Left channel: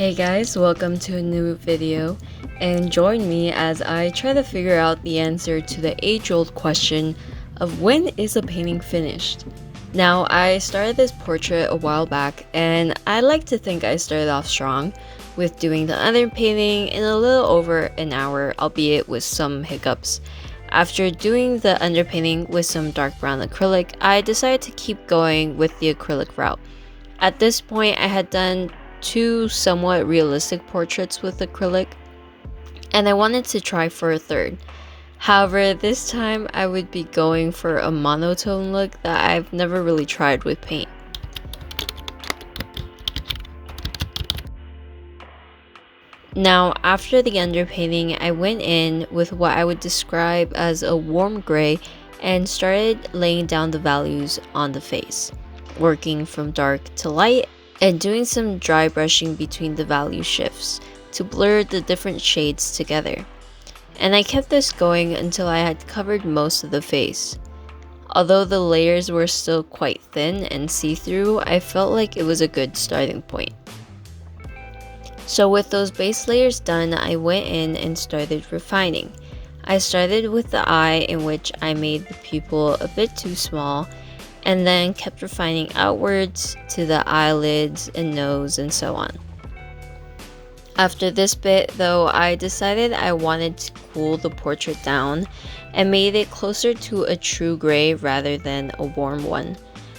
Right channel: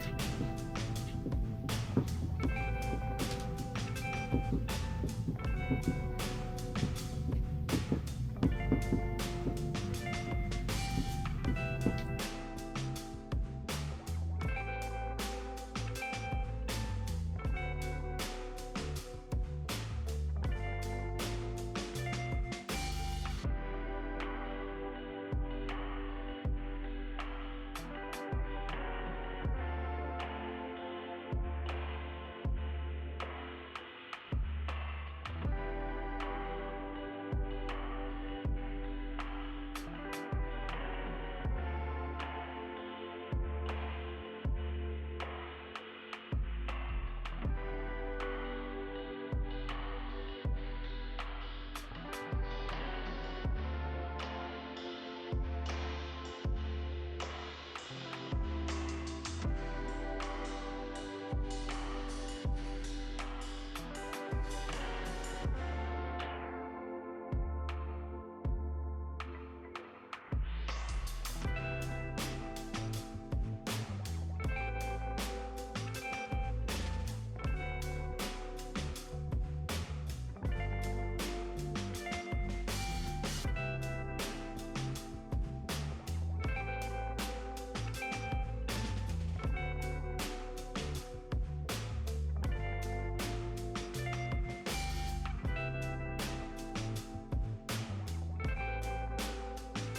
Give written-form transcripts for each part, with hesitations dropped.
Hey guys, welcome to a new video, and join me as I try to figure out the answer to the age-old question of when is a painting finished? Now, I started this portrait a while back, and I like to think I started off strong with doing the underpainting in a little over an hour, albeit with some hiccups. After doing the underpainting with some dark brown acrylic, I decided to keep going with the acrylic route. At this point, I had done two somewhat realistic portraits with acrylic, and I wanted to try for a third. However, this time I would be going for a monotone look that I've never really tried with paint. Now, after the underpainting, I went in with what I would describe as a warm gray and started laying down the values on the face, working from dark to light and doing some dry brushing between the value shifts to blur the different shades together. And I kept this going until I had covered most of the face. Although the layers were still quite thin and see-through, I felt like it was a good starting point. So with those base layers done, I went in and started refining. I started with the eye, in which I made the pupil a bit too small, and then kept refining outwards to the eyelids and nose and so on. After this bit though, I decided I wanted to cool the portrait down and made it closer to a true gray rather than a warm one.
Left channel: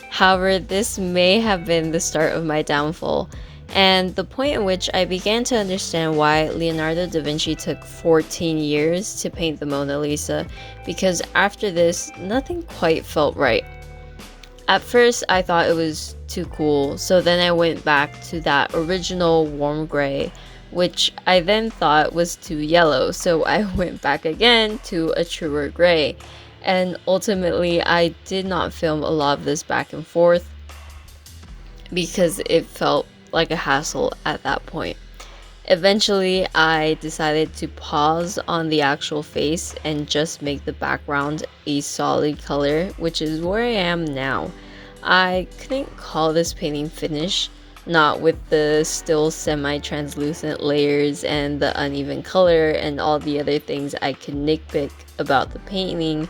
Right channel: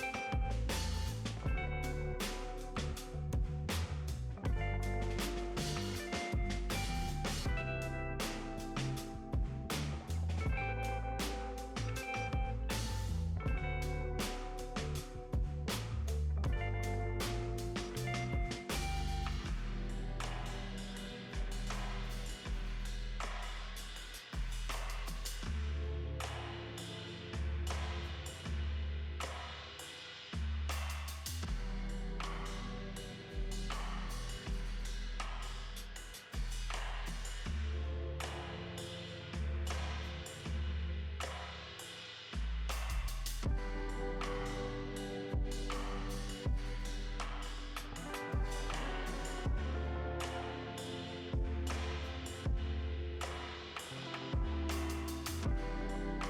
However, this may have been the start of my downfall, and the point in which I began to understand why Leonardo da Vinci took 14 years to paint the Mona Lisa, because after this, nothing quite felt right. At first, I thought it was too cool, so then I went back to that original warm gray, which I then thought was too yellow, so I went back again to a truer gray. And ultimately, I did not film a lot of this back and forth because it felt like a hassle at that point. Eventually, I decided to pause on the actual face and just make the background a solid color, which is where I am now. I couldn't call this painting finished, not with the still semi-translucent layers and the uneven color and all the other things I could nitpick about the painting.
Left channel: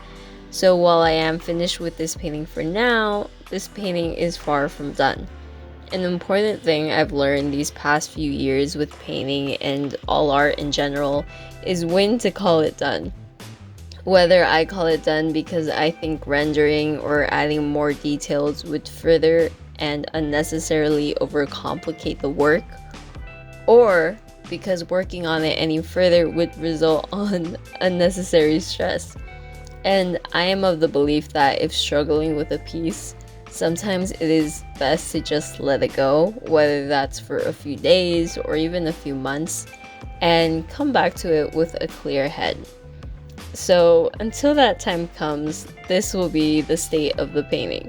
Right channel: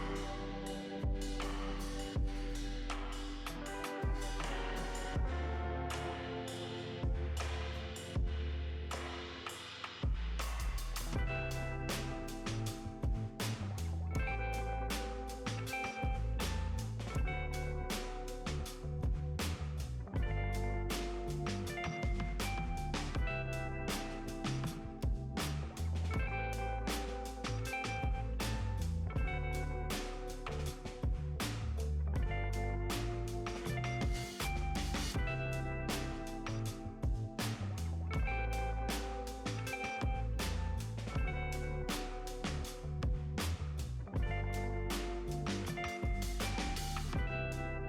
So while I am finished with this painting for now, this painting is far from done. An important thing I've learned these past few years with painting and all art in general is when to call it done. Whether I call it done because I think rendering or adding more details would further and unnecessarily overcomplicate the work, or because working on it any further would result on unnecessary stress. And I am of the belief that if struggling with a piece, sometimes it is best to just let it go, whether that's for a few days or even a few months, and come back to it with a clear head. So until that time comes, this will be the state of the painting.